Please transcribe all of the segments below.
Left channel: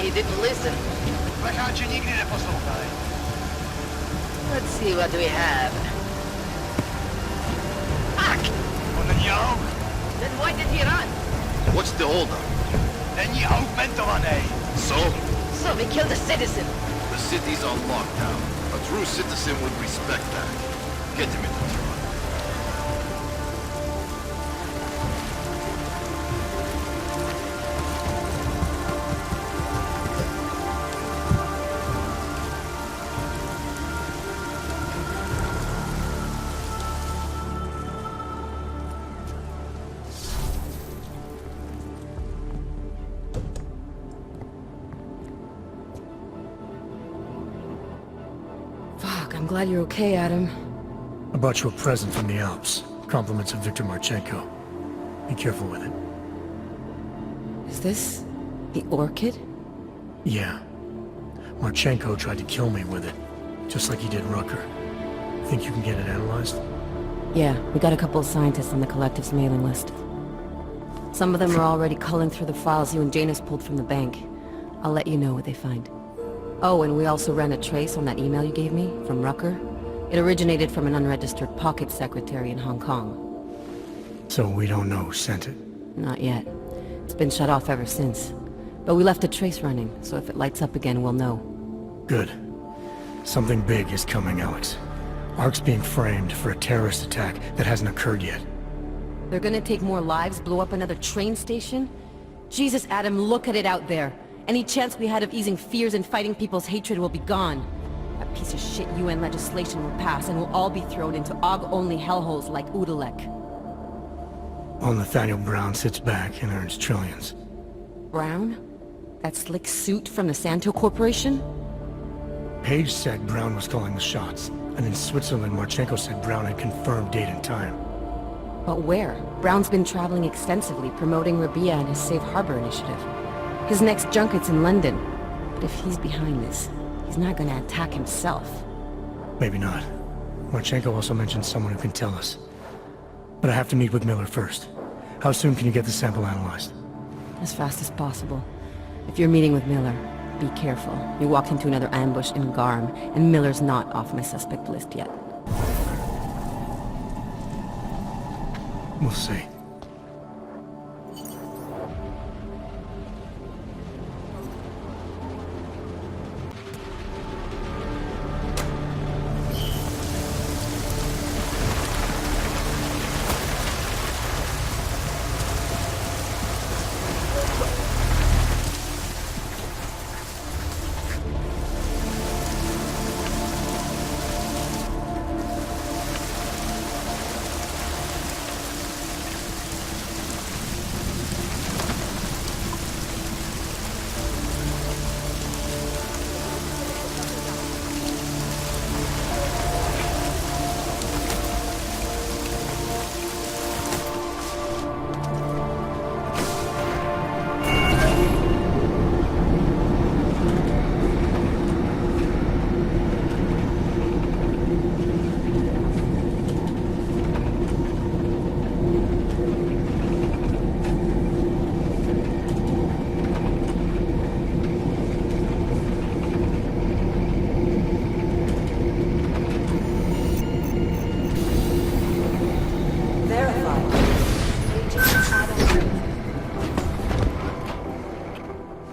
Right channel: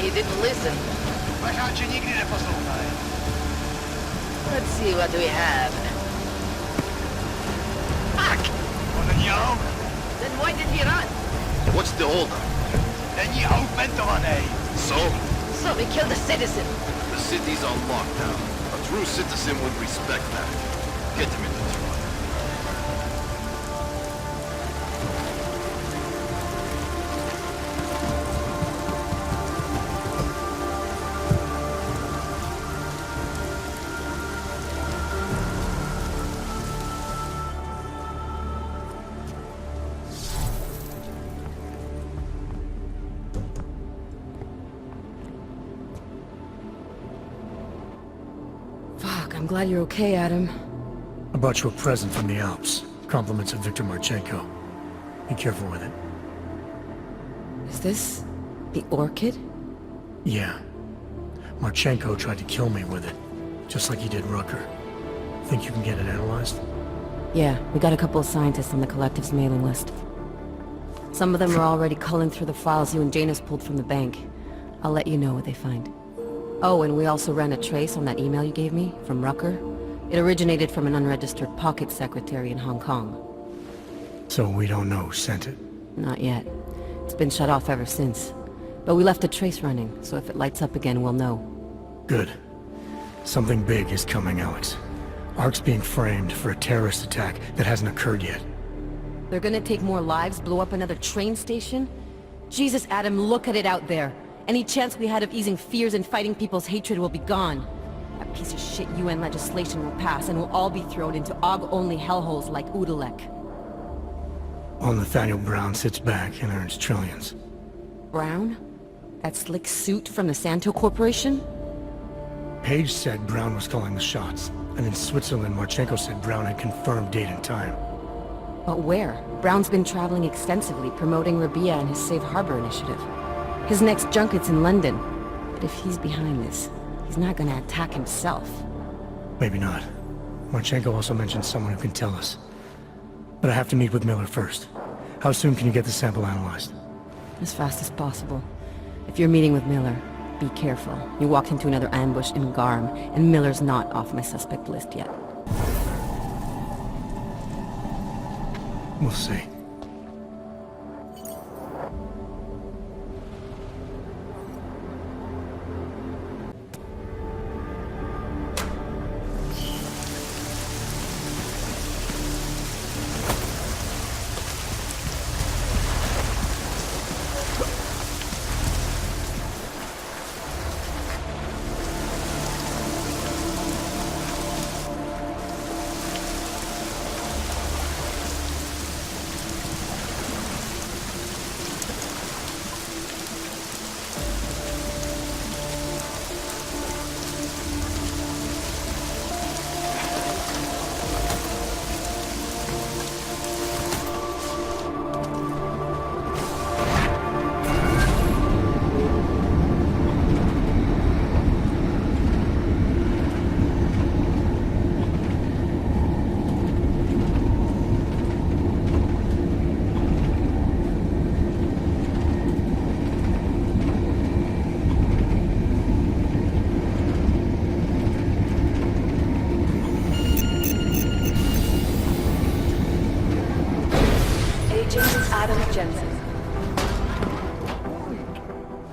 why he didn't listen. Let's see what we have. Fuck! Then why did he run? What's the holdup? So? So we killed a citizen. The city's on lockdown. A true citizen would respect that. Get him in the truck. I'm glad you're okay, Adam. I brought you a present from the Alps. Compliments of Victor Marchenko. Be careful with it. Is this the Orchid? Yeah. Marchenko tried to kill me with it, just like he did Rucker. Think you can get it analyzed? Yeah, we got a couple of scientists on the Collective's mailing list. Some of them are already culling through the files you and Janus pulled from the bank. I'll let you know what they find. Oh, and we also ran a trace on that email you gave me, from Rucker. It originated from an unregistered pocket secretary in Hong Kong. So we don't know who sent it? Not yet. It's been shut off ever since. But we left a trace running, so if it lights up again, we'll know. Good. Something big is coming, Alex. ARC's being framed for a terrorist attack that hasn't occurred yet. They're gonna take more lives, blow up another train station? Jesus, Adam, look at it out there. Any chance we had of easing fears and fighting people's hatred will be gone. That piece of shit UN legislation will pass, and we'll all be thrown into AUG-only hellholes like Udalek. While Nathaniel Brown sits back and earns trillions. Brown? That slick suit from the Santo Corporation? Page said Brown was calling the shots, and in Switzerland, Marchenko said Brown had confirmed date and time. But where? Brown's been traveling extensively, promoting Rabia and his Safe Harbor initiative. His next junket's in London. But if he's behind this, he's not gonna attack himself. Maybe not. Marchenko also mentioned someone who can tell us. But I have to meet with Miller first. How soon can you get the sample analyzed? As fast as possible. If you're meeting with Miller, be careful. You walked into another ambush in Garm, and Miller's not off my suspect list yet. We'll see.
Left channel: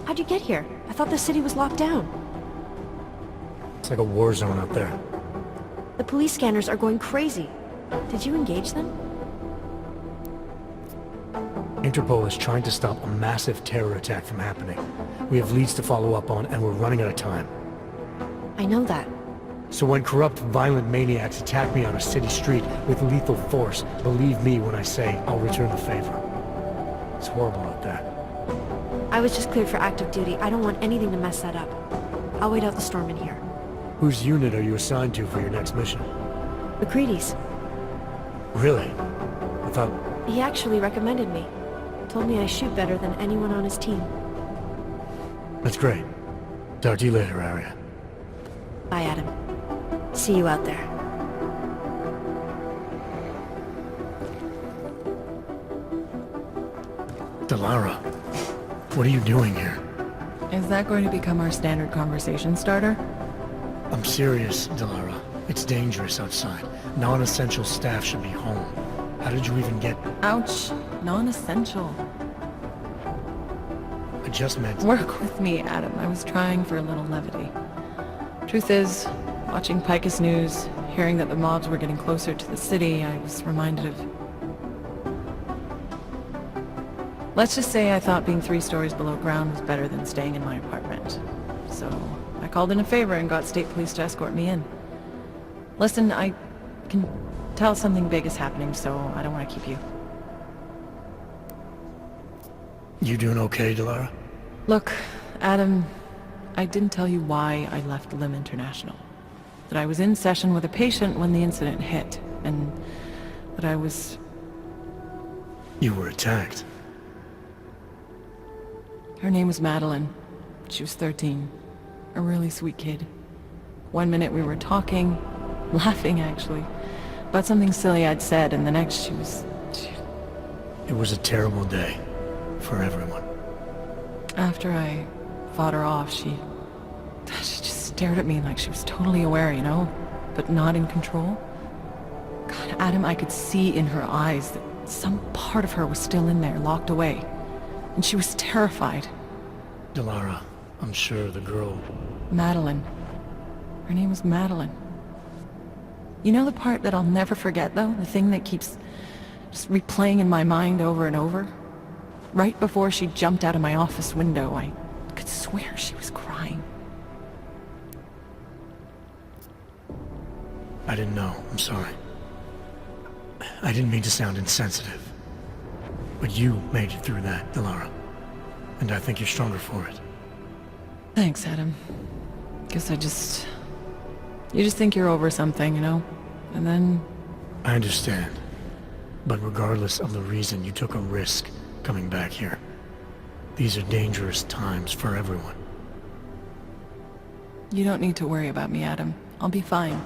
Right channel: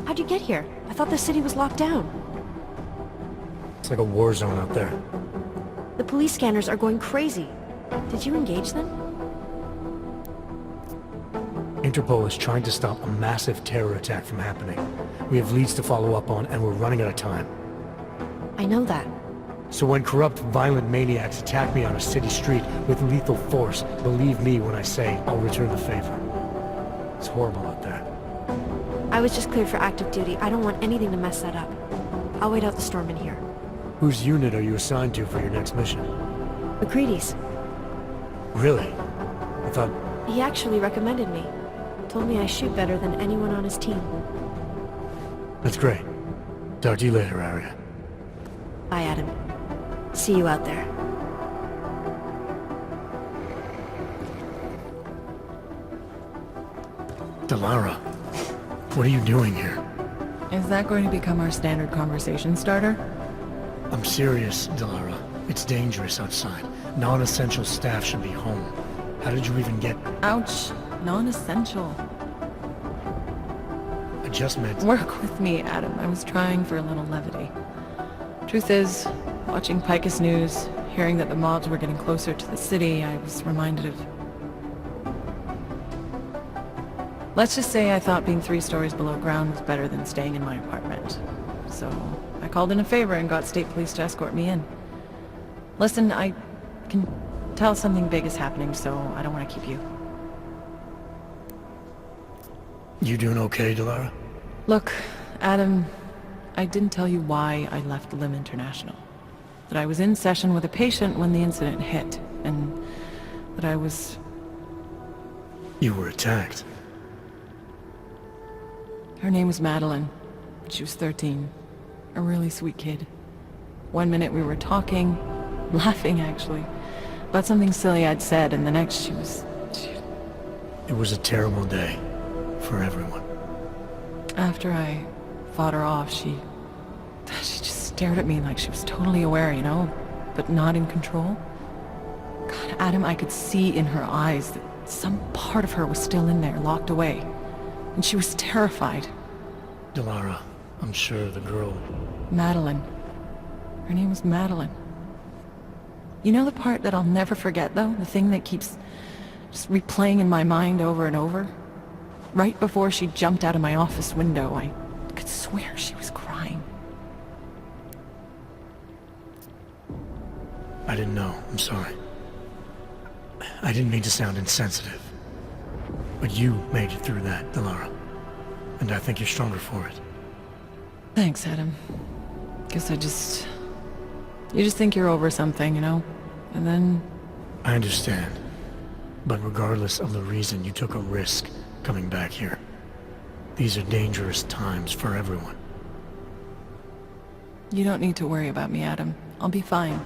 How'd you get here? I thought the city was locked down. It's like a war zone out there. The police scanners are going crazy. Did you engage them? Interpol is trying to stop a massive terror attack from happening. We have leads to follow up on, and we're running out of time. I know that. So when corrupt, violent maniacs attack me on a city street with lethal force, believe me when I say I'll return the favor. It's horrible out there. I was just cleared for active duty. I don't want anything to mess that up. I'll wait out the storm in here. Whose unit are you assigned to for your next mission? McCready's. Really? I thought... He actually recommended me. Told me I shoot better than anyone on his team. That's great. Talk to you later, Arya. Bye, Adam. See you out there. Delara, what are you doing here? Is that going to become our standard conversation starter? I'm serious, Delara. It's dangerous outside. Non-essential staff should be home. How did you even get... Ouch. Non-essential. I just meant... Work with me, Adam. I was trying for a little levity. Truth is, watching Picus News, hearing that the mobs were getting closer to the city, I was reminded of... Let's just say I thought being 3 stories below ground was better than staying in my apartment. So, I called in a favor and got state police to escort me in. Listen, I can tell something big is happening, so I don't want to keep you. You doing okay, Delara? Look, Adam, I didn't tell you why I left Lim International. That I was in session with a patient when the incident hit, and that I was... You were attacked. Her name was Madeline. She was 13. A really sweet kid. One minute we were talking, laughing actually, about something silly I'd said, and the next she was... It was a terrible day. For everyone. After I fought her off, she just stared at me like she was totally aware, you know, but not in control. God, Adam, I could see in her eyes that some part of her was still in there, locked away. And she was terrified. Delara, I'm sure the girl... Madeline. Her name was Madeline. You know the part that I'll never forget, though? The thing that keeps just replaying in my mind over and over? Right before she jumped out of my office window, I could swear she was crying. I didn't know. I'm sorry. I didn't mean to sound insensitive. But you made it through that, Delara. And I think you're stronger for it. Thanks, Adam. Guess you just think you're over something, you know? And then... I understand. But regardless of the reason, you took a risk coming back here. These are dangerous times for everyone. You don't need to worry about me, Adam. I'll be fine.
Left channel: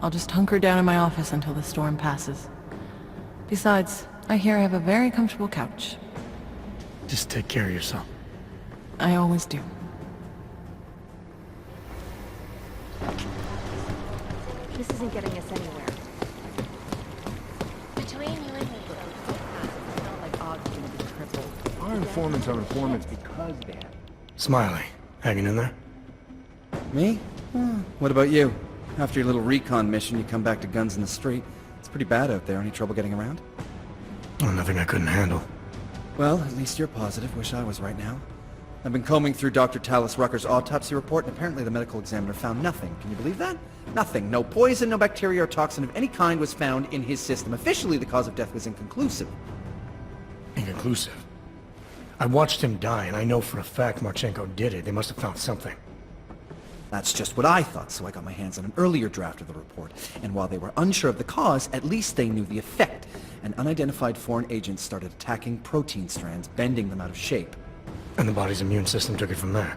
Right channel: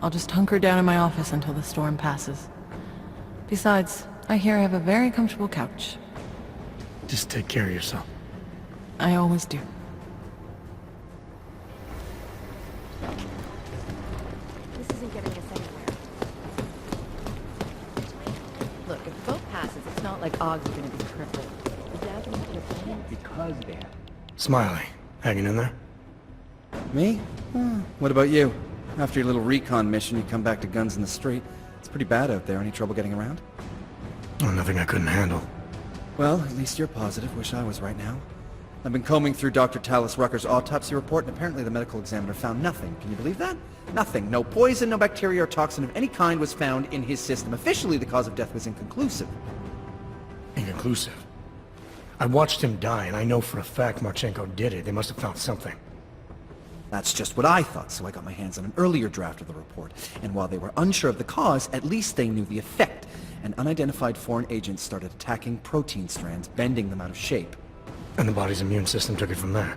I'll just hunker down in my office until the storm passes. Besides, I hear I have a very comfortable couch. Just take care of yourself. I always do. This isn't getting us anywhere. Between you and me. Look, if the boat passes, it's not like Ogg's gonna be crippled. Our informants are informants because they're... Smiley, hanging in there? Me? What about you? After your little recon mission, you come back to guns in the street. It's pretty bad out there. Any trouble getting around? Oh, nothing I couldn't handle. Well, at least you're positive. Wish I was right now. I've been combing through Dr. Tallis Rucker's autopsy report, and apparently the medical examiner found nothing. Can you believe that? Nothing. No poison, no bacteria or toxin of any kind was found in his system. Officially, the cause of death was inconclusive. Inconclusive? I watched him die, and I know for a fact Marchenko did it. They must have found something. That's just what I thought, so I got my hands on an earlier draft of the report. And while they were unsure of the cause, at least they knew the effect. An unidentified foreign agent started attacking protein strands, bending them out of shape. And the body's immune system took it from there.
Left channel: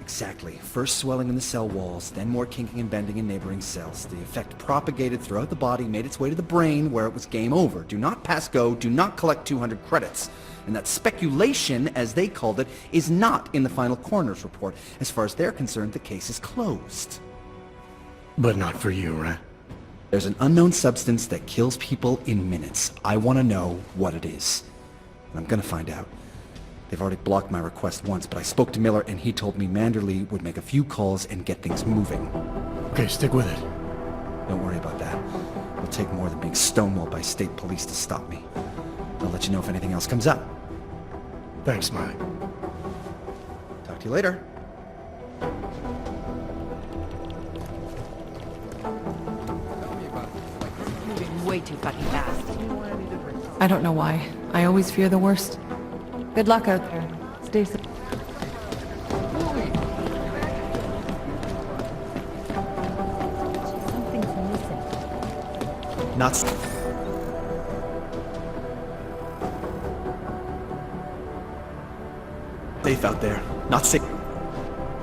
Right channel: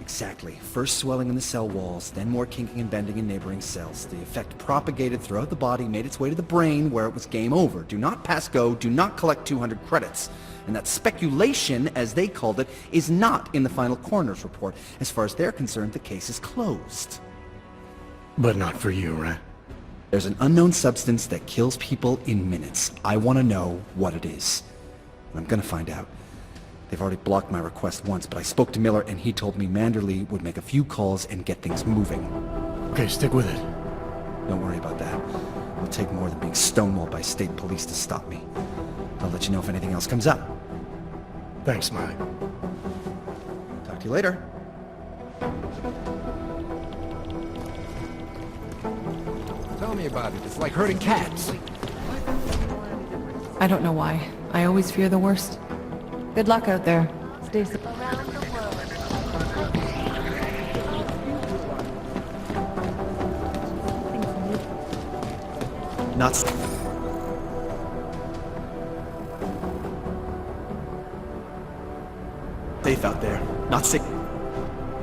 Exactly. First swelling in the cell walls, then more kinking and bending in neighboring cells. The effect propagated throughout the body, made its way to the brain, where it was game over. Do not pass go, do not collect 200 credits. And that speculation, as they called it, is not in the final coroner's report. As far as they're concerned, the case is closed. But not for you, right? There's an unknown substance that kills people in minutes. I want to know what it is. And I'm gonna find out. They've already blocked my request once, but I spoke to Miller and he told me Manderley would make a few calls and get things moving. Okay, stick with it. Don't worry about that. It'll take more than being stonewalled by state police to stop me. I'll let you know if anything else comes up. Thanks, Smiley. Talk to you later. Tell me about it. It's like herding cats. Way too fucking fast. I don't know why. I always fear the worst. Good luck out there. Stay safe. Not safe out there. Not safe.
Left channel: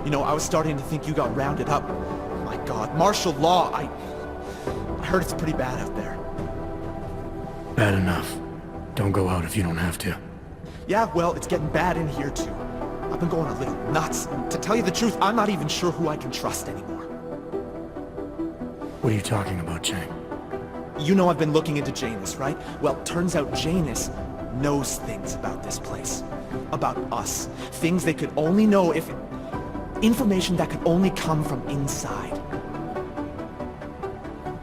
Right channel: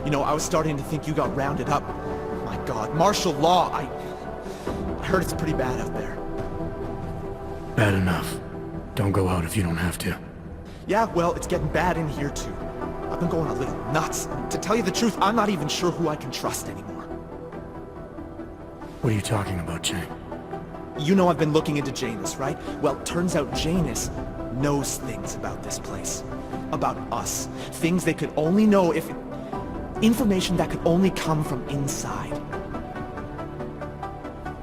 You know, I was starting to think you got rounded up. My God, martial law, I heard it's pretty bad out there. Bad enough. Don't go out if you don't have to. Yeah, well, it's getting bad in here too. I've been going a little nuts. To tell you the truth, I'm not even sure who I can trust anymore. What are you talking about, Chang? You know I've been looking into Janus, right? Well, turns out Janus knows things about this place. About us. Things they could only know if... Information that could only come from inside.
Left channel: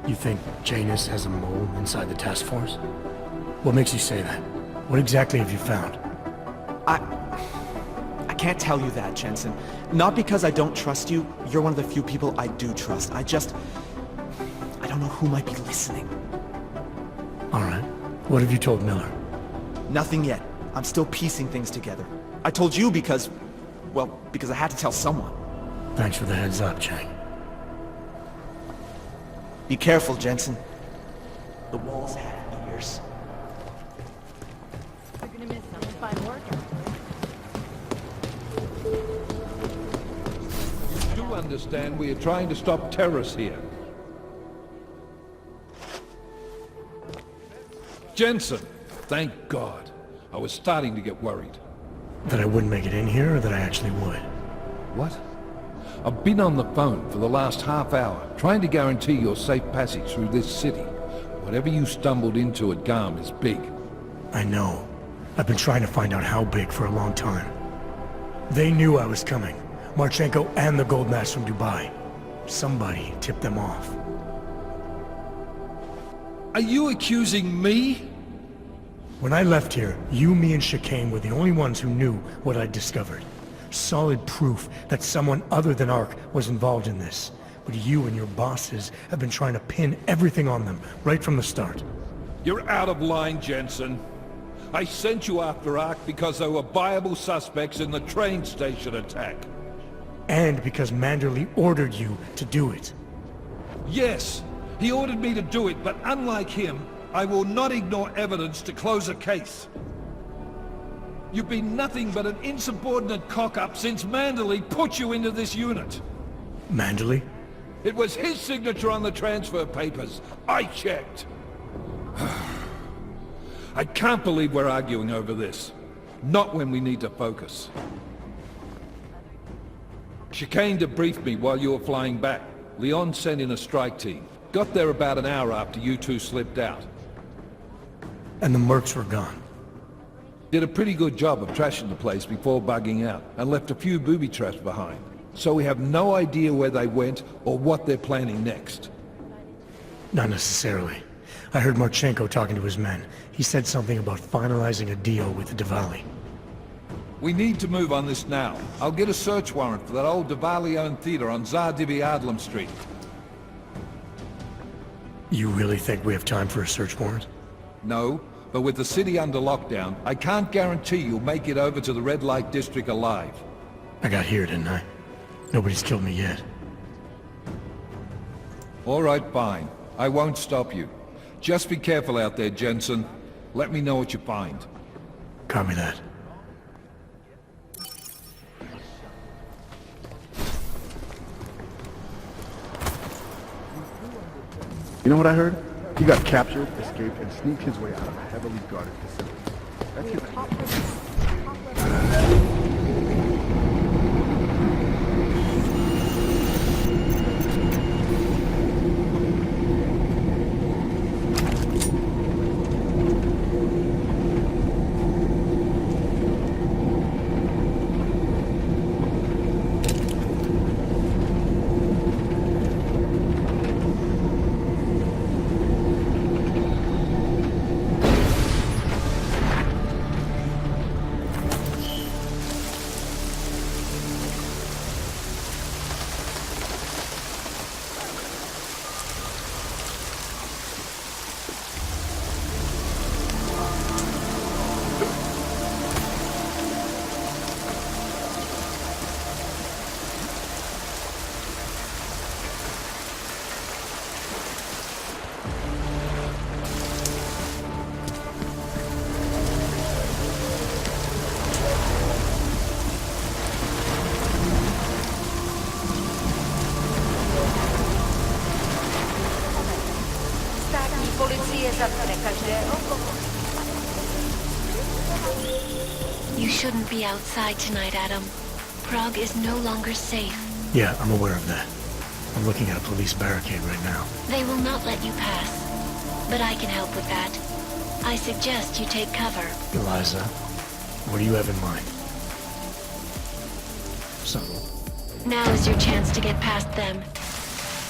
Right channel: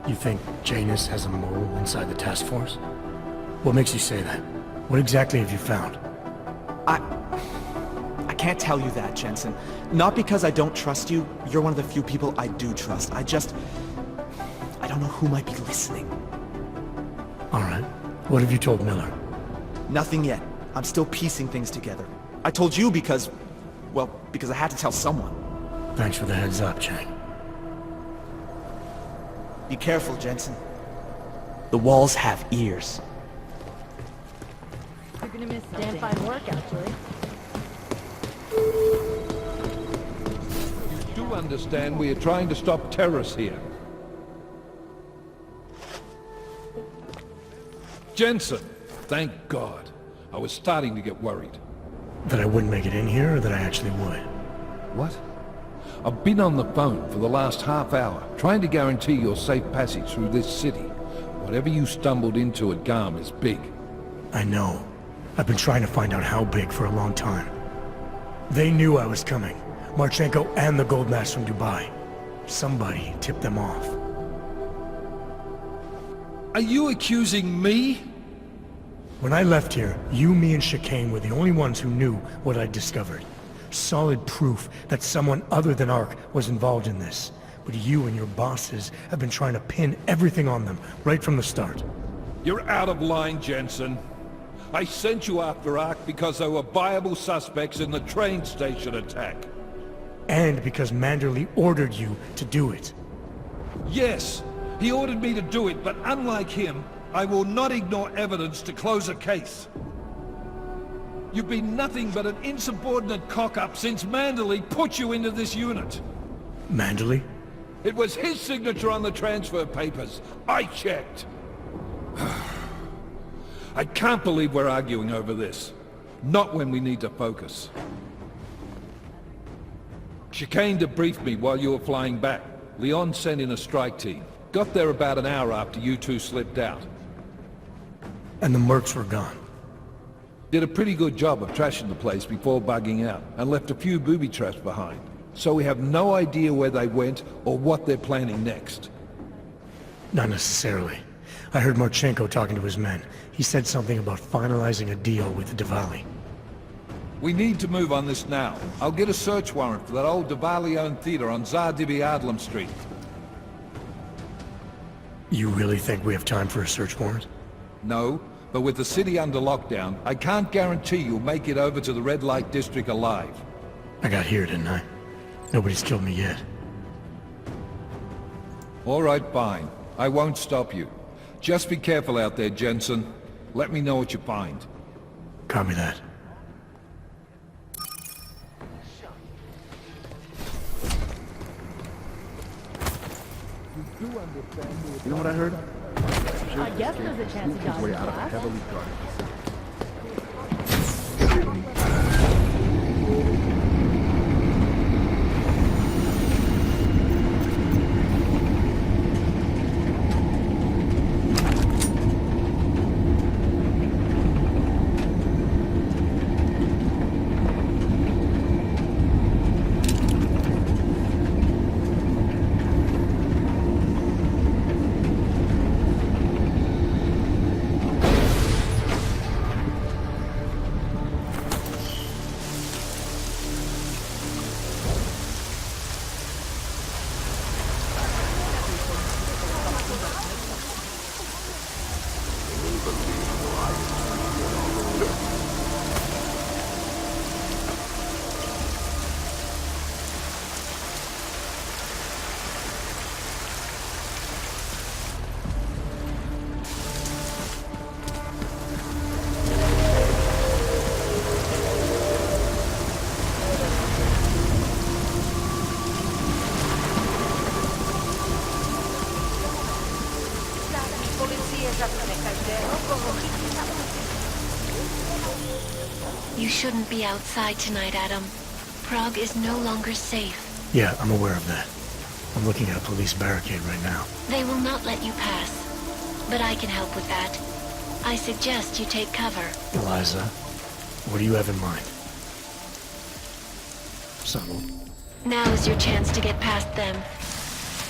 You think Janus has a mole inside the task force? What makes you say that? What exactly have you found? I can't tell you that, Jensen. Not because I don't trust you. You're one of the few people I do trust. I don't know who might be listening. Alright. What have you told Miller? Nothing yet. I'm still piecing things together. I told you because... well, because I had to tell someone. Thanks for the heads up, Chang. Be careful, Jensen. The walls have ears. You're gonna miss something. Damn fine work, actually. You do understand we are trying to stop terrorists here. Jensen! Thank God. I was starting to get worried. That I wouldn't make it in here, or that I actually would? What? I've been on the phone for the last half hour, trying to guarantee your safe passage through this city. Whatever you stumbled into at Garm is big. I know. I've been trying to find out how big for a long time. They knew I was coming. Marchenko and the gold mask from Dubai. Somebody tipped them off. Are you accusing me? When I left here, you, me, and Chicane were the only ones who knew what I'd discovered. Solid proof that someone other than Ark was involved in this. But you and your bosses have been trying to pin everything on them, right from the start. You're out of line, Jensen. I sent you after Ark because there were viable suspects in the train station attack. And because Manderley ordered you to do it. Yes, he ordered me to do it, but unlike him, I will not ignore evidence to close a case. You've been nothing but an insubordinate cock-up since Manderley put you into this unit. Manderley? It was his signature on the transfer papers. I checked. I can't believe we're arguing over this. Not when we need to focus. Chicane debriefed me while you were flying back. Leon sent in a strike team. Got there about an hour after you two slipped out. And the mercs were gone. Did a pretty good job of trashing the place before bugging out, and left a few booby traps behind. So we have no idea where they went or what they're planning next. Not necessarily. I heard Marchenko talking to his men. He said something about finalizing a deal with the Dvali. We need to move on this now. I'll get a search warrant for that old Dvali-owned theater on Zardibi Adlam Street. You really think we have time for a search warrant? No, but with the city under lockdown, I can't guarantee you'll make it over to the Red Light District alive. I got here, didn't I? Nobody's killed me yet. All right, fine. I won't stop you. Just be careful out there, Jensen. Let me know what you find. Copy that. You know what I heard? He got captured, escaped, and sneaked his way out of a heavily guarded facility. Policie zatkne každého, koho chytí na ulici. You shouldn't be outside tonight, Adam. Prague is no longer safe. Yeah, I'm aware of that. I'm looking at a police barricade right now. They will not let you pass. But I can help with that. I suggest you take cover. Eliza, what do you have in mind? Subtle. Now is your chance to get past them.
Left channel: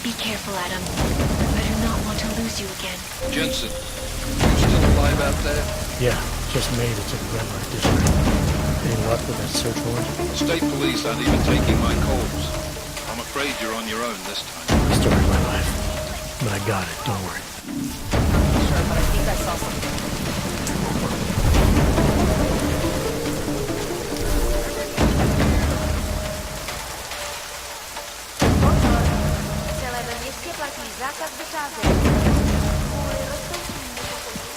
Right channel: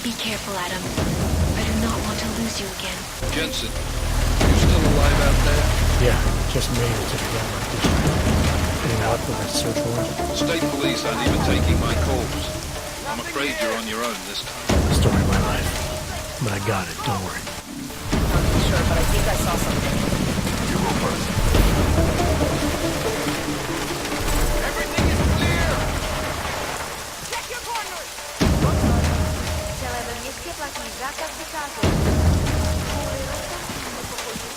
Be careful, Adam. I do not want to lose you again. Jensen, you still alive out there? Yeah, just made it to the red light district. Any luck with that search warrant? State police aren't even taking my calls. I'm afraid you're on your own this time. Story of my life. But I got it, don't worry. Not too sure, but I think I saw something. You go first. Everything is clear! Check your corners! Pozor! Celé městě platí zákaz vycházet. Kvůli rostoucím nepokojům.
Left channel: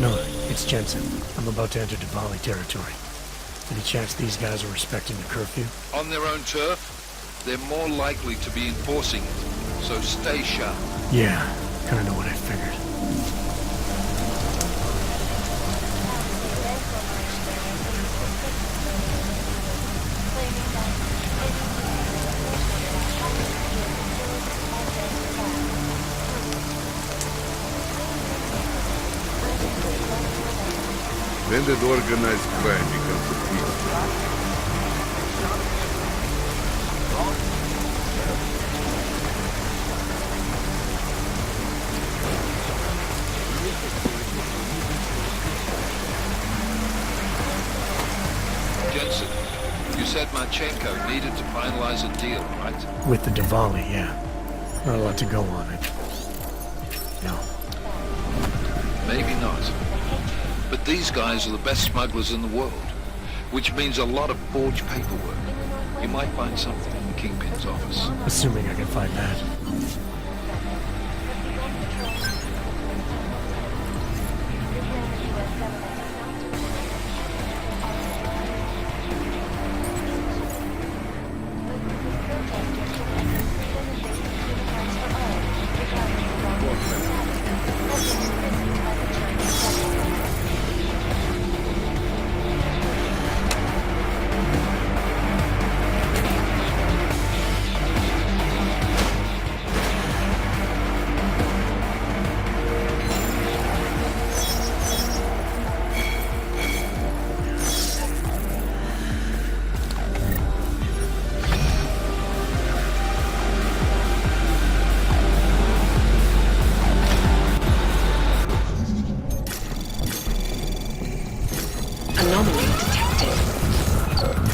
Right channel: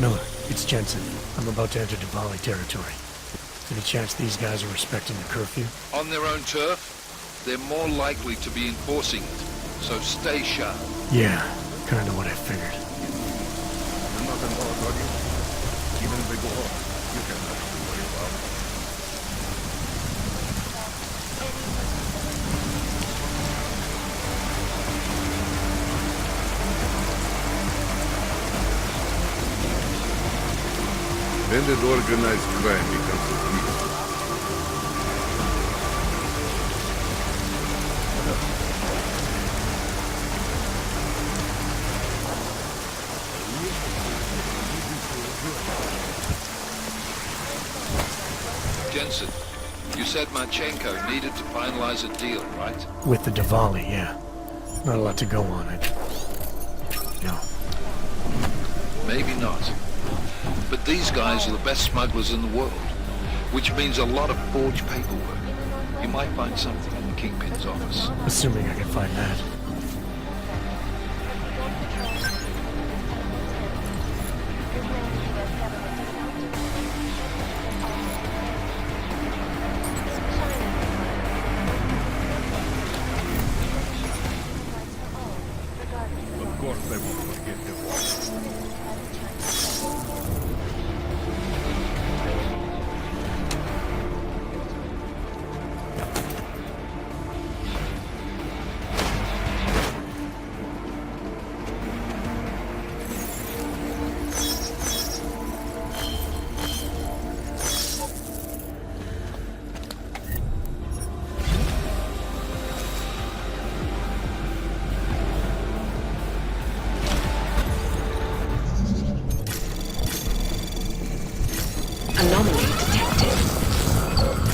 Miller, it's Jensen. I'm about to enter Dvali territory. Any chance these guys are respecting the curfew? On their own turf, they're more likely to be enforcing it. So stay sharp. Yeah, kinda what I figured. When did organized crime become so peaceful? Jensen, you said Marchenko needed to finalize a deal, right? With the Dvali, yeah. Not a lot to go on it. No. Maybe not. But these guys are the best smugglers in the world, which means a lot of forged paperwork. You might find something in the Kingpin's office. Assuming I can find that. Anomaly detected.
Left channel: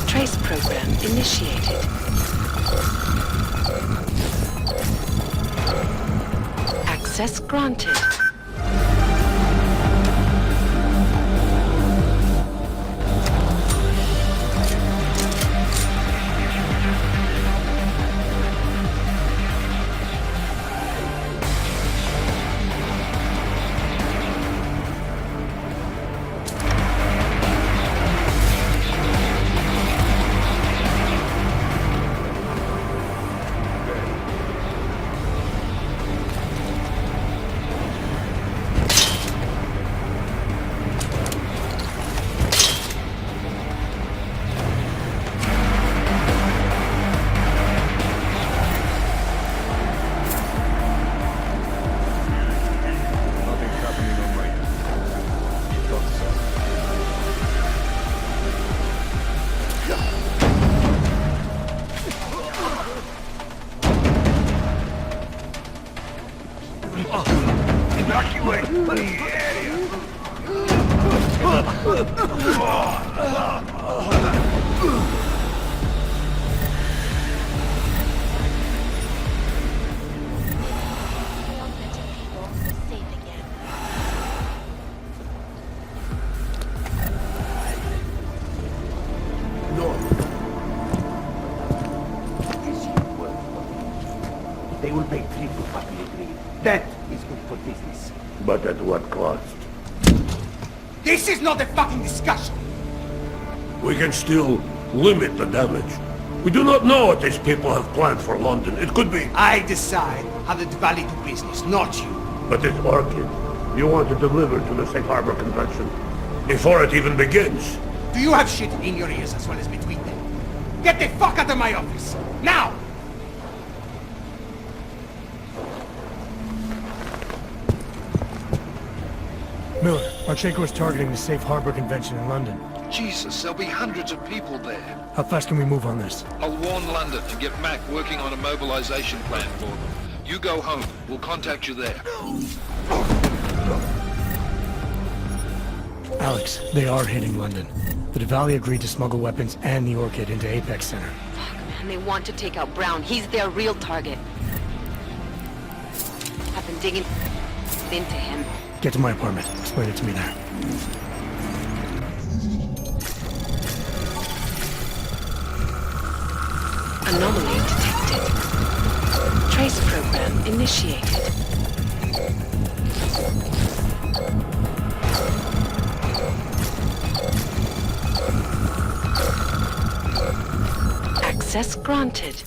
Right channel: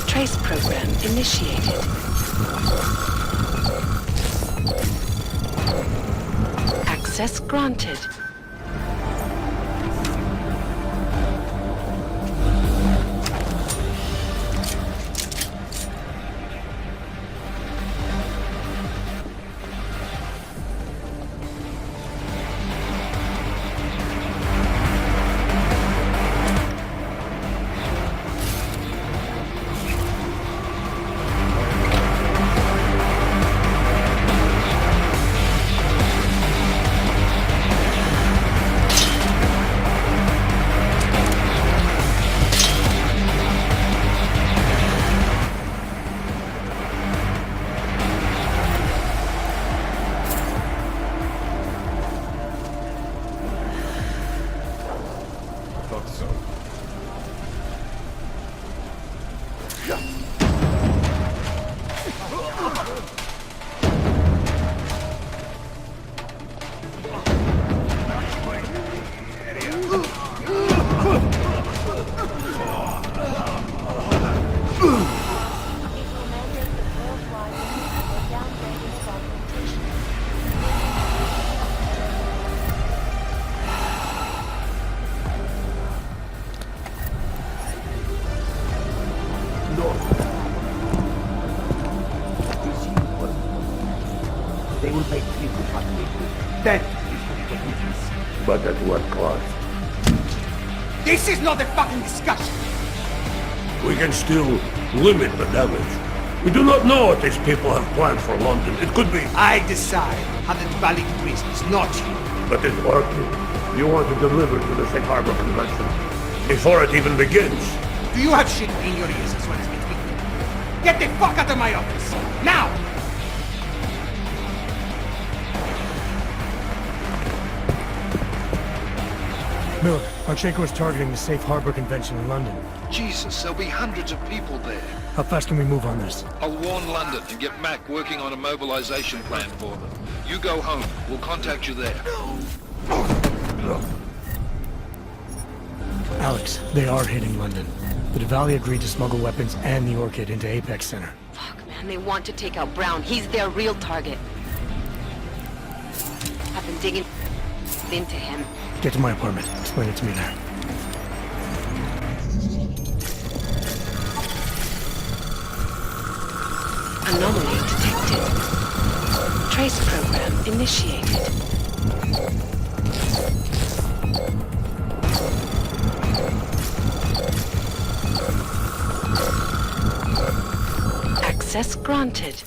Trace program initiated. Access granted. thought so. Evacuate the area. They will pay triple for the degree. That is good for business. But at what cost? This is not a fucking discussion! We can still limit the damage. We do not know what these people have planned for London. It could be... I decide how the Dvali do business, not you. But it's Orchid. You want to deliver to the Safe Harbor Convention before it even begins. Do you have shit in your ears as well as between them? Get the fuck out of my office! Now! Miller, Archenko is targeting the Safe Harbor Convention in London. Jesus, there'll be hundreds of people there. How fast can we move on this? I'll warn London and get Mac working on a mobilization plan for them. You go home. We'll contact you there. Alex, they are hitting London. The Dvali agreed to smuggle weapons and the Orchid into Apex Center. Fuck, man, they want to take out Brown. He's their real target. I've been digging into him. Get to my apartment. Explain it to me there. Anomaly detected. Trace program initiated. Access granted.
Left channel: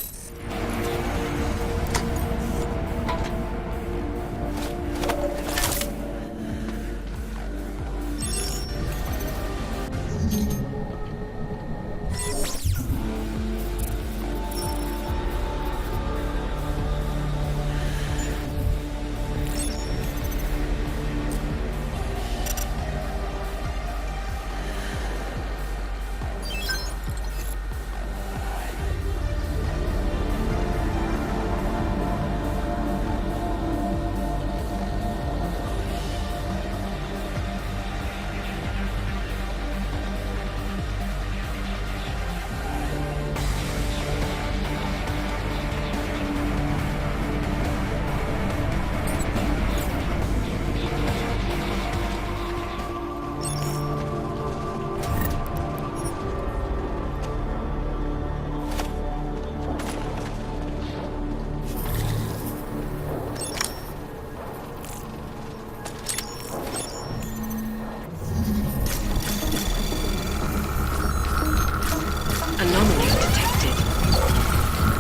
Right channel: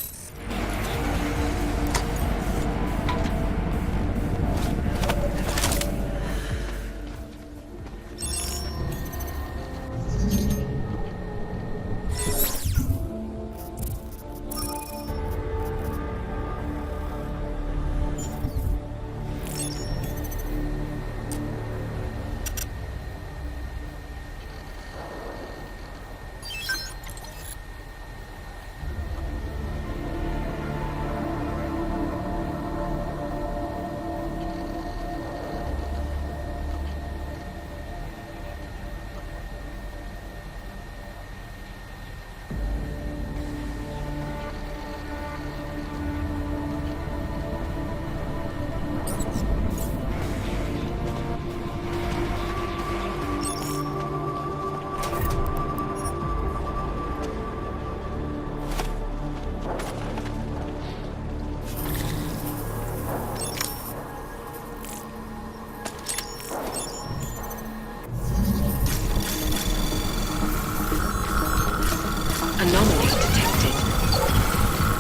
Anomaly detected.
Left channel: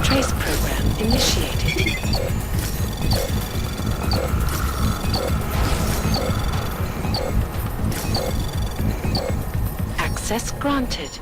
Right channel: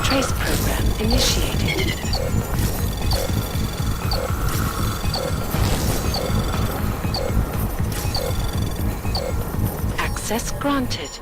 Trace program initiated. Access granted.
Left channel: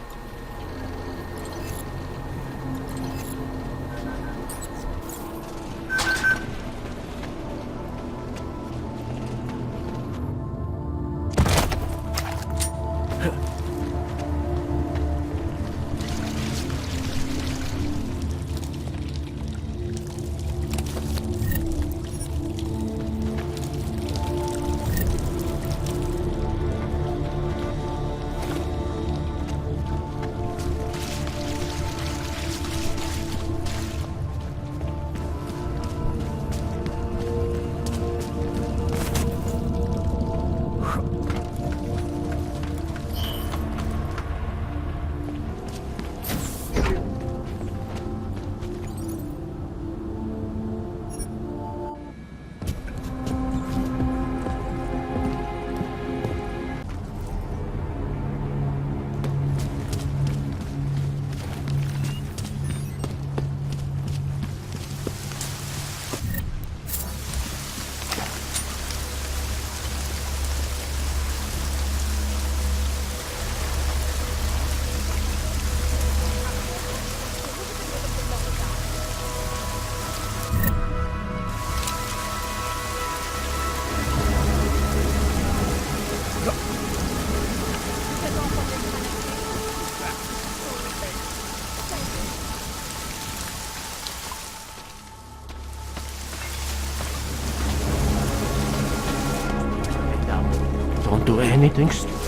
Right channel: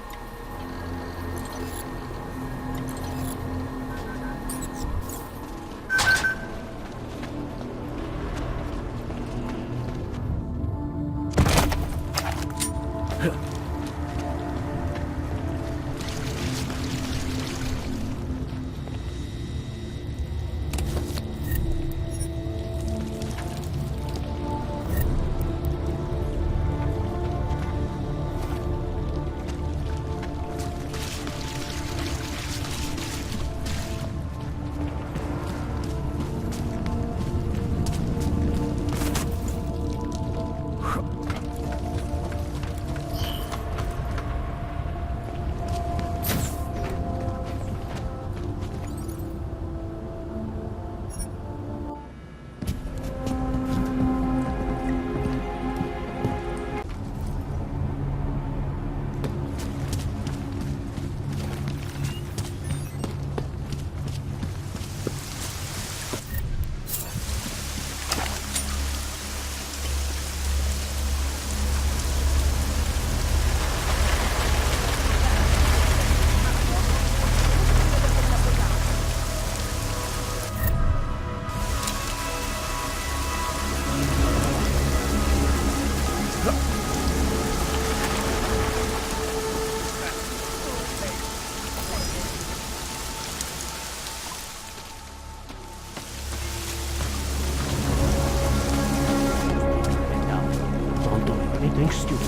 anything stupid.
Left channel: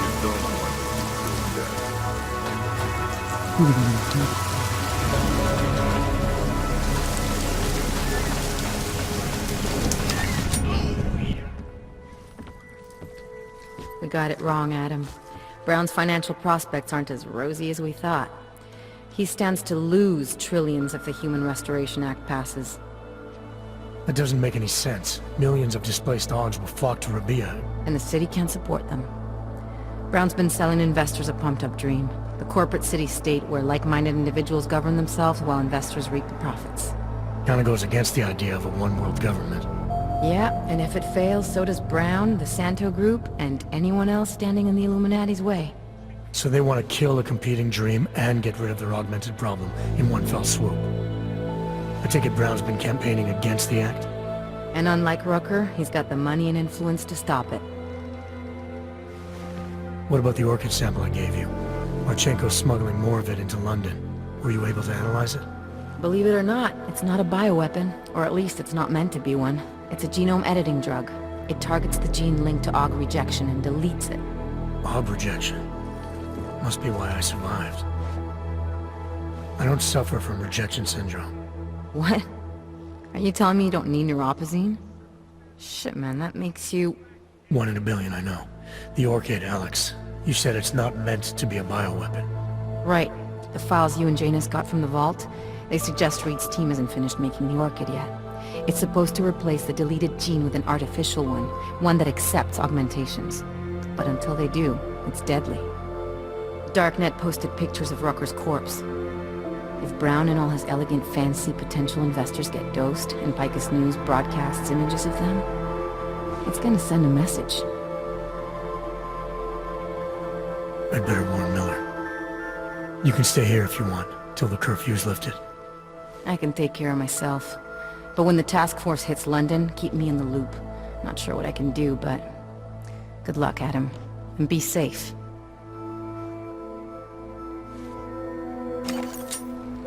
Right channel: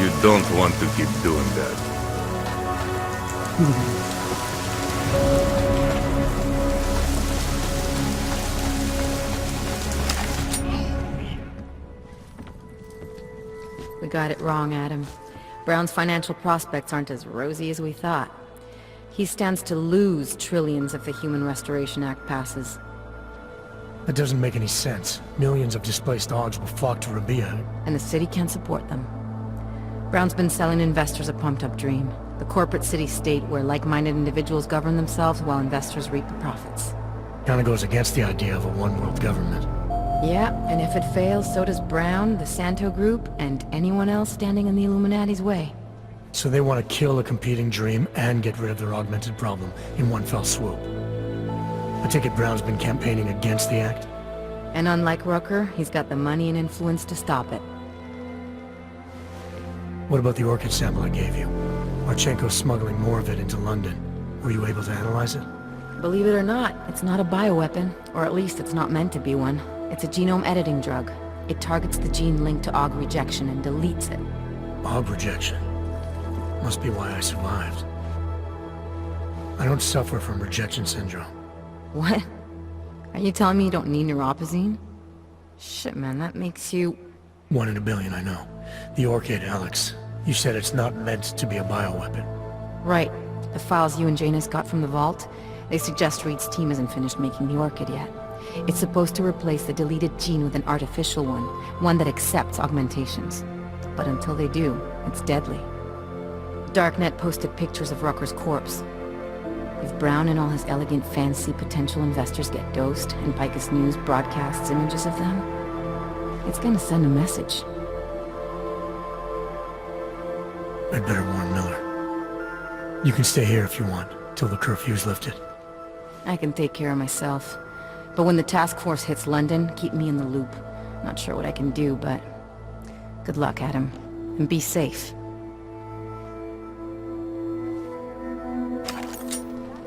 You don't want to keep doing that. We got it wrong, Adam. Brown's financial prospects aren't as rosy as we thought. He stands to lose trillions if the Human Restoration Act passes. That doesn't make any sense. Millions of displaced Augs will flock to Rabia. And the city can't support them. Brown's been selling investors a pumped-up dream. The corporate city-state where like-minded individuals govern themselves while investors reap the profits. Kinda goes against the idea of a one-world government. Yeah, and if it fails, so does Brown, the Santo Group, and anyone else standing in the Illuminati's way. So they want to kill a competing dream and get rid of their augmented problem in one fell swoop. I take it Brown's been campaigning against the act? And unlike Rucker, he's got the money and influence to stop it. What about the Orchid sample I gave you? Marchenko's smuggling more of it into London. Were you able to analyze it? Believe it or not, it's not a bioweapon, or at least it's not meant to be one. It's a genome editing drug. It targets the gene linked to AUG rejection and deletes it. AUG rejection? Must be why I survived. I don't suffer from rejection syndrome. What? Are you telling me you don't need neuropazine? Shit, man, that makes you... 1 in a billion, I know. The Orchid, Alex. You said it's not meant to be a bioweapon. Right. The files you and Janus got from the vault, they suggest Reed's team isn't finished making the Orchid yet. It's supposed to replace the deleted gene with an artificial one that accepts augmentations. But until they do, it's deadly. Darknet posted pictures of Rucker's corpse. If Brown and all his elegant fancy potential investors get dosed, and Picus News broadcasts images of them, it's gonna send a message. I'd better warn Miller. You can stay here if you want, till the curfew's lifted. I can take care of myself. But when the task force hits London, keep me in the loop. Not sure what I can do, but... good luck, Adam. And be safe.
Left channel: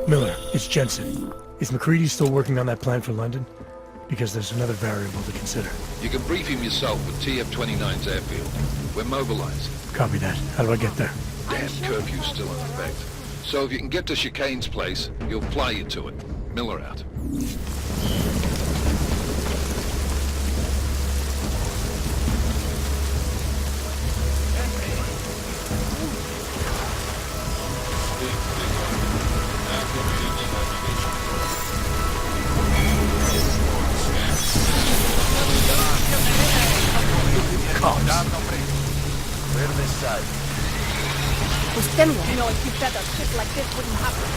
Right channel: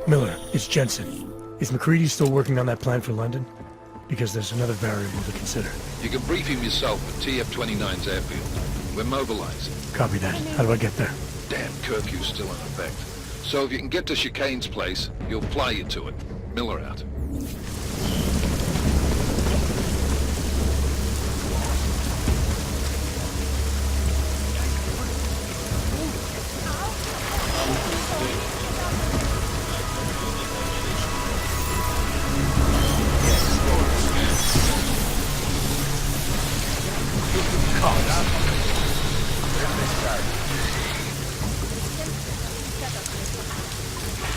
Miller, it's Jensen. Is McCready still working on that plan for London? Because there's another variable to consider. You can brief him yourself at TF-29's airfield. We're mobilizing. Copy that. How do I get there? Damn curfew's still in effect. So if you can get to Chicane's place, he'll fly you to it. Miller out. Clear this side. You know, if you said a shit like this wouldn't happen.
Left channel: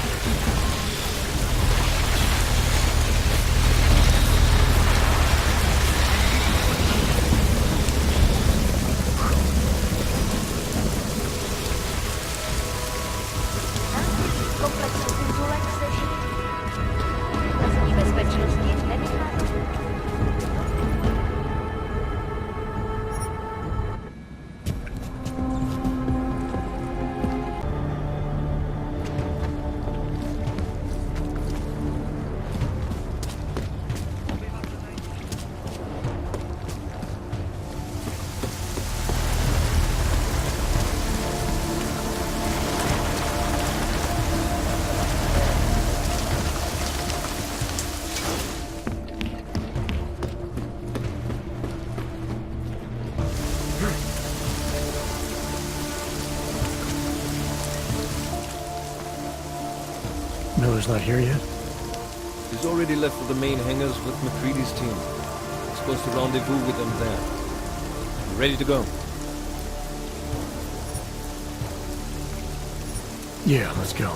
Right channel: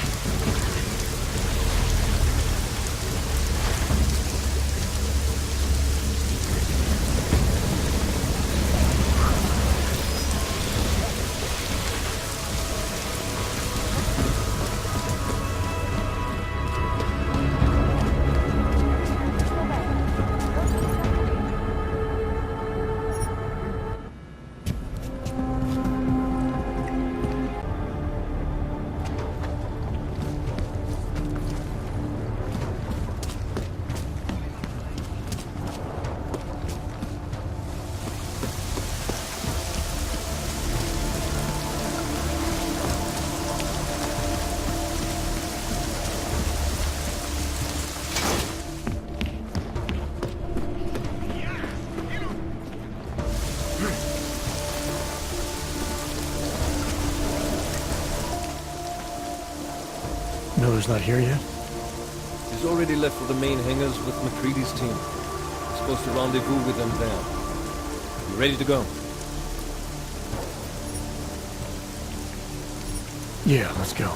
Miller's not here yet? He's already left for the main hangars with McCready's team. We're supposed to rendezvous with them there. You ready to go? Yeah, let's go.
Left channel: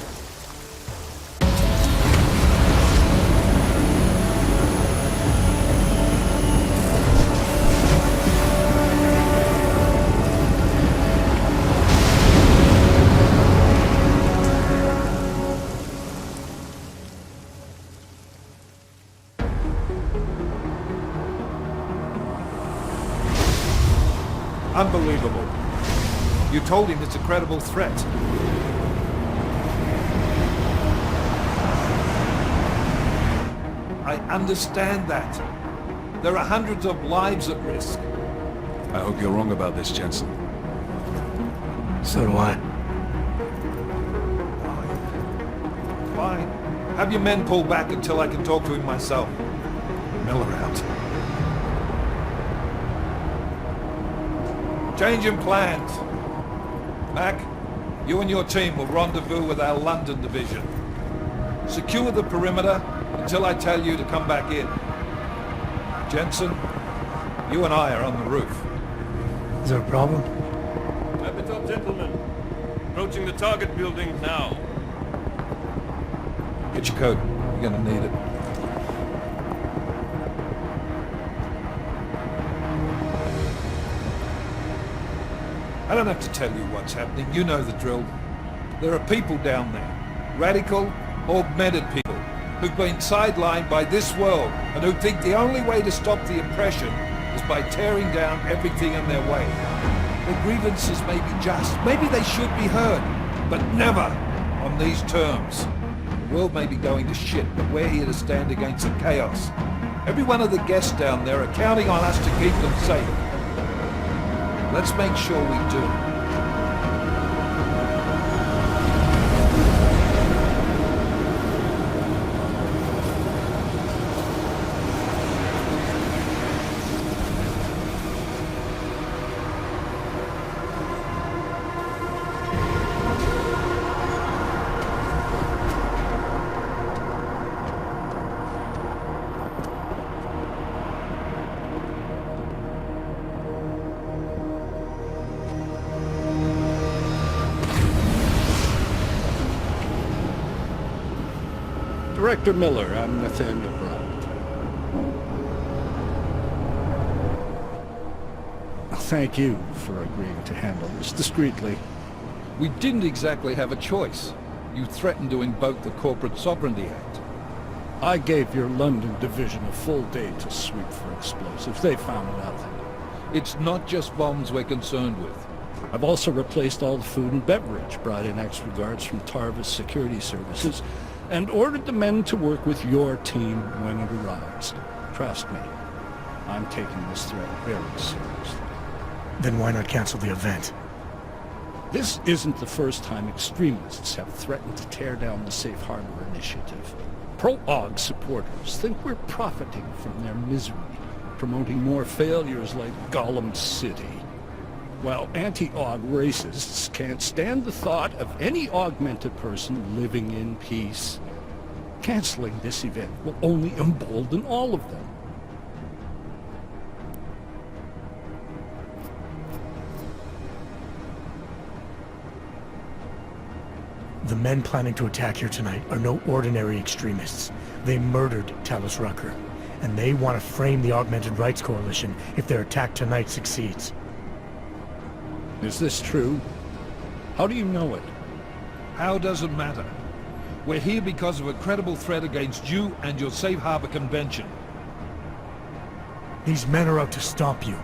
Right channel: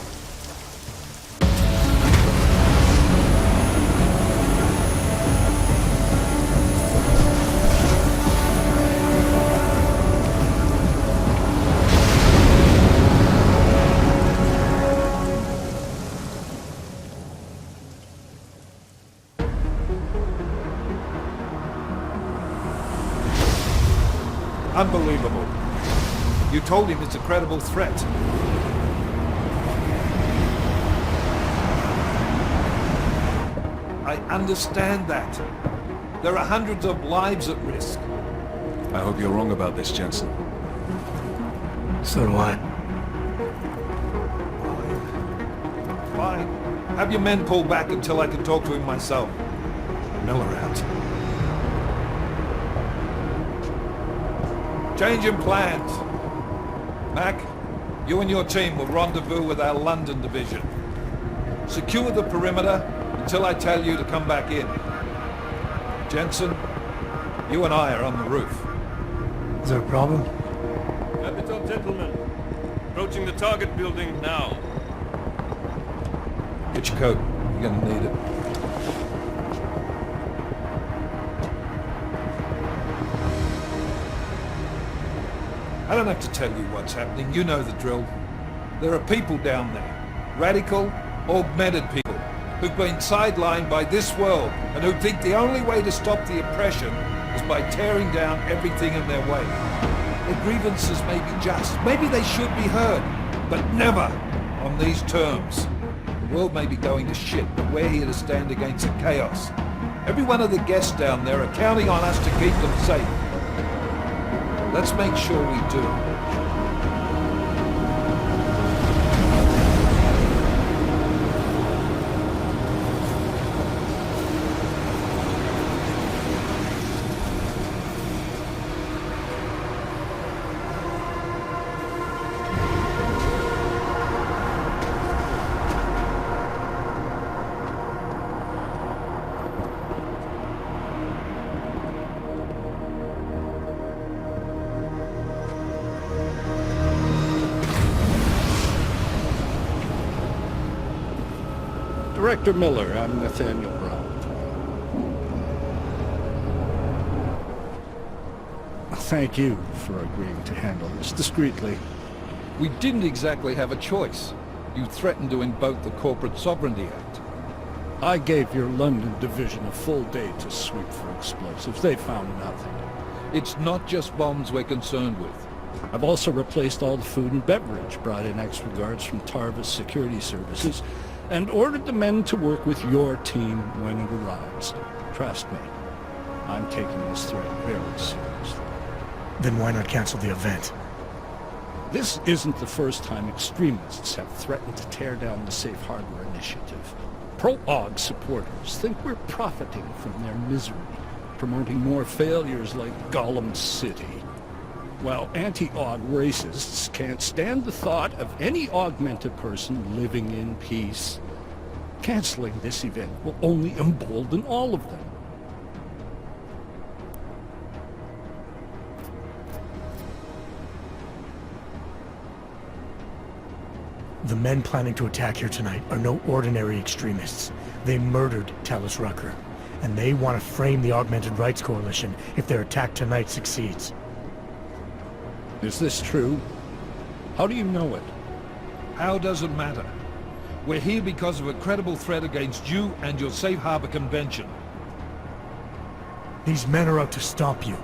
Unbelievable. You told him it's a credible threat. I understand that. There are hundreds of lives at risk. I hope you're wrong about this, Jensen. So do I. Fine. Have your men pull back until I can talk to him myself. Miller out. Changing plans. Mac, you and your team will rendezvous with our London division. Secure the perimeter until I tell you to come back in. Jensen, you and I are on the roof. Is there a problem? Wrap it up, gentlemen. Approaching the target building now. Get your coat. You're gonna need it. I don't have to tell you what's happening. You know the drill. There are people down there. Radical, augmented people who've been sidelined by this world and who think the only way to stop the oppression is by tearing down everything in their way. Their grievances may be just. Maybe they should be heard, but never on these terms. The world may be going to shit, but we're here to stand against the chaos. Every one of the guests down there are counting on us to keep them safe. Let's make sure we do. Director Miller, I'm Nathaniel Brown. Thank you for agreeing to handle this discreetly. We didn't exactly have a choice. You threatened to invoke the Corporate Sovereignty Act. I gave your London division a full day to sweep for explosives. They found nothing. It's not just bombs we're concerned with. I've also replaced all the food and beverage, brought in extra guards from Tarvis Security Services, and ordered the men to work with your team when it arrives. Trust me, I'm taking this threat very seriously. Then why not cancel the event? This isn't the first time extremists have threatened to tear down the Safe Harbor Initiative. Pro-AUG supporters think we're profiting from their misery, promoting more failures like Gollum City. While anti-AUG racists can't stand the thought of any augmented person living in peace. Canceling this event will only embolden all of them. The men planning to attack here tonight are no ordinary extremists. They murdered Talus Rucker, and they want to frame the Augmented Rights Coalition if their attack tonight succeeds. Is this true? How do you know it? How doesn't matter. We're here because of a credible threat against you and your Safe Harbor Convention. These men are out to stop you.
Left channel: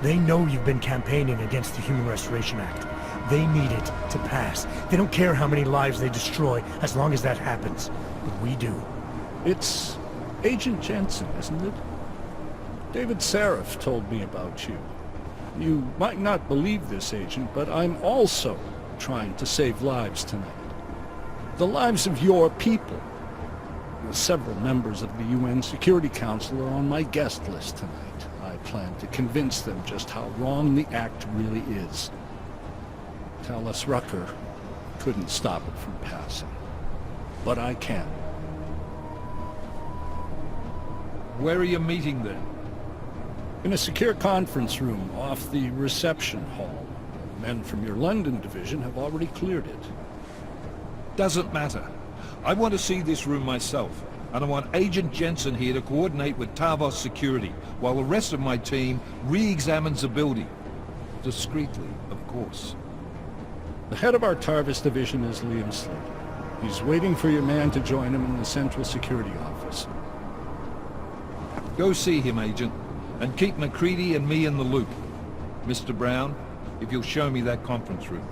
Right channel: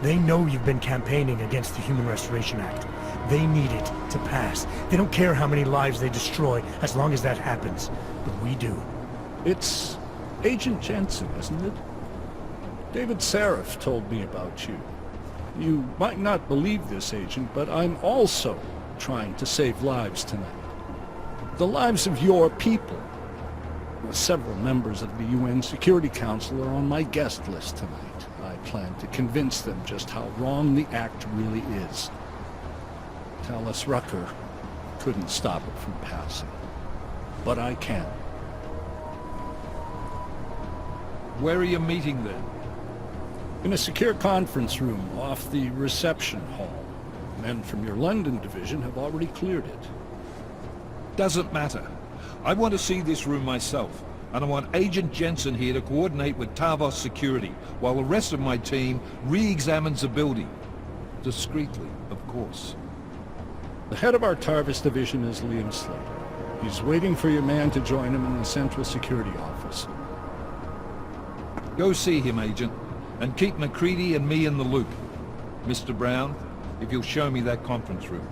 They know you've been campaigning against the Human Restoration Act. They need it to pass. They don't care how many lives they destroy, as long as that happens. But we do. It's Agent Jensen, isn't it? David Seraph told me about you. You might not believe this, Agent, but I'm also trying to save lives tonight. The lives of your people. Several members of the UN Security Council are on my guest list tonight. I plan to convince them just how wrong the act really is. Talus Rucker couldn't stop it from passing. But I can. Where are you meeting then? In a secure conference room off the reception hall. Men from your London division have already cleared it. Doesn't matter. I want to see this room myself, and I want Agent Jensen here to coordinate with Tarvos Security, while the rest of my team re-examines the building. Discreetly, of course. The head of our Tarvis division is Liam Slater. He's waiting for your man to join him in the Central Security Office. Go see him, Agent, and keep MacReady and me in the loop. Mr. Brown, if you'll show me that conference room.